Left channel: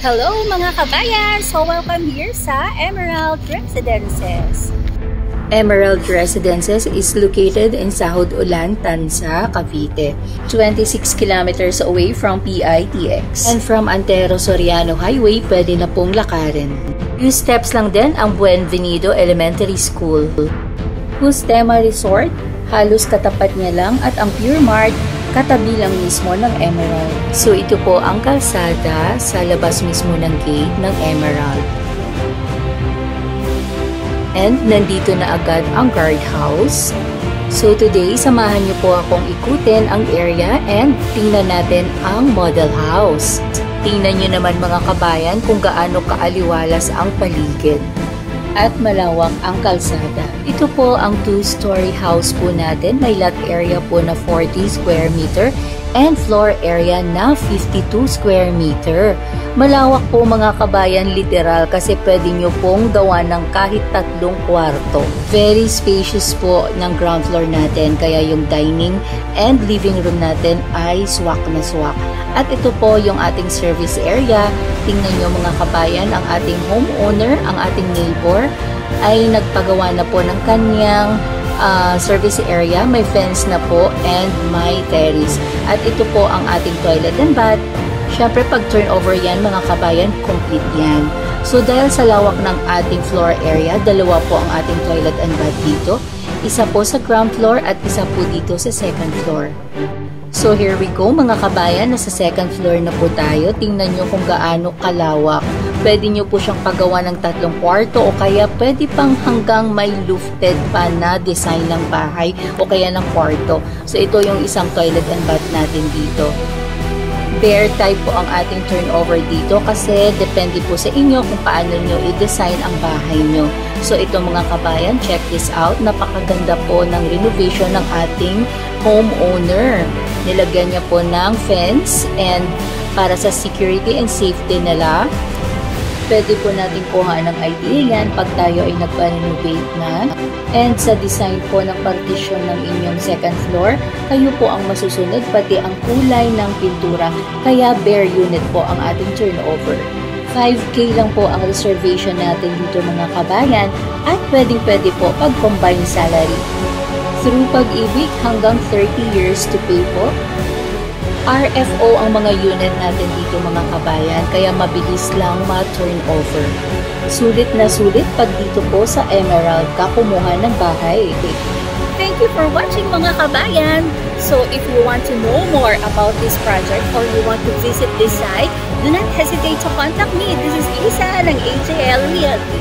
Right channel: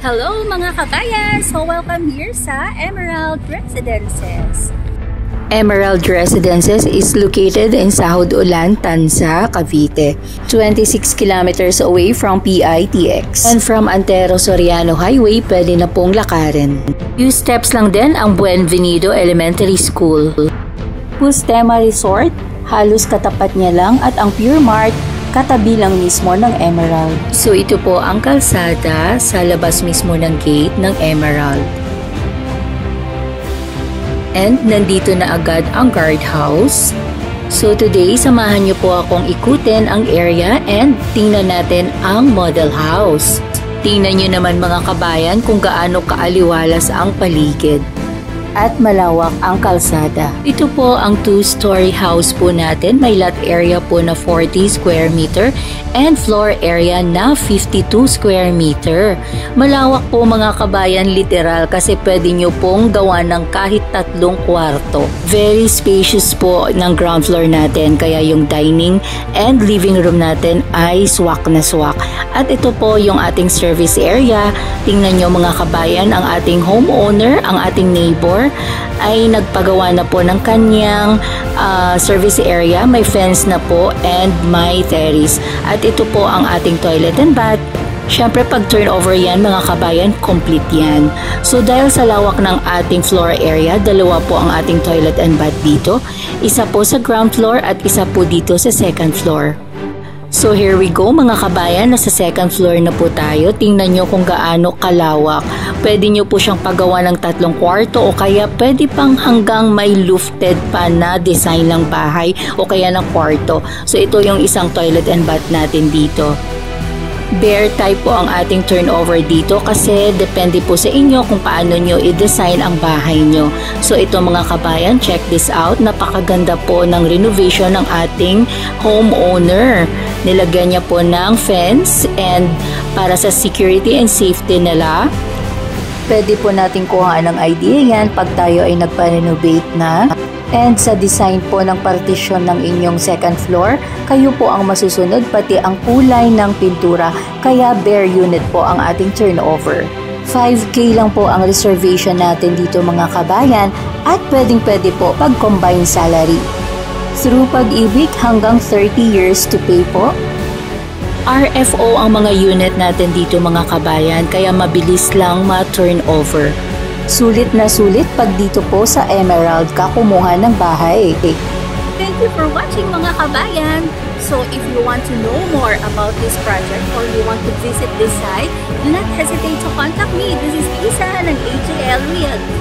Hello mga kabayan! So welcome here sa Emerald Residences. Emerald Residences is located in Sahod Ulan, Tanza, Cavite, 26 kilometers away from PITX. And from Antero Soriano Highway, pwede na pong lakarin. Few steps lang din ang Buenvenido Elementary School. Pustema Resort, halos katapat niya lang, at ang Pure Mart, katabi lang mismo ng Emerald. So ito po ang kalsada sa labas mismo ng gate ng Emerald. And nandito na agad ang guardhouse. So today, samahan niyo po akong ikutin ang area and tingnan natin ang model house. Tingnan niyo naman mga kabayan kung gaano kaaliwalas ang paligid at malawak ang kalsada. Ito po ang 2-story house po natin. May lot area po na 40 square meter and floor area na 52 square meter. Malawak po mga kabayan, literal, kasi pwede nyo pong gawa ng kahit 3 kwarto. Very spacious po ng ground floor natin, kaya yung dining and living room natin ay swak na swak. At ito po yung ating service area. Tingnan nyo mga kabayan, ang ating homeowner, ang ating neighbor ay nagpagawa na po ng kanyang service area. May fence na po and may terrace. At ito po ang ating toilet and bath. Siyempre pag turnover yan mga kabayan, complete yan. So dahil sa lawak ng ating floor area, dalawa po ang ating toilet and bath dito. Isa po sa ground floor at isa po dito sa second floor. So here we go mga kabayan, nasa second floor na po tayo. Tingnan nyo kung gaano kalawak. Pwede nyo po siyang paggawa ng 3 kwarto o kaya pwede pang hanggang may lofted pa na design ng bahay o kaya ng kwarto. So ito yung isang toilet and bath natin dito. Bare type po ang ating turnover dito kasi depende po sa inyo kung paano nyo i-design ang bahay nyo. So ito mga kabayan, check this out. Napakaganda po ng renovation ng ating homeowner. Nilagyan niya po ng fence and para sa security and safety nila. Pwede po natin kuhaan ng idea yan pag tayo ay nagpa-renovate na. And sa design po ng partition ng inyong second floor, kayo po ang masusunod pati ang kulay ng pintura. Kaya bare unit po ang ating turnover. 5K lang po ang reservation natin dito mga kabayan at pwedeng-pwede po pag combined salary. Through Pag-ibig hanggang 30 years to pay po. RFO ang mga unit natin dito mga kabayan, kaya mabilis lang ma-turnover. Sulit na sulit pag dito po sa Emerald ka kumuha ng bahay. Thank you for watching mga kabayan! So if you want to know more about this project or you want to visit this site, do not hesitate to contact me. This is Isa ng AJL Realty.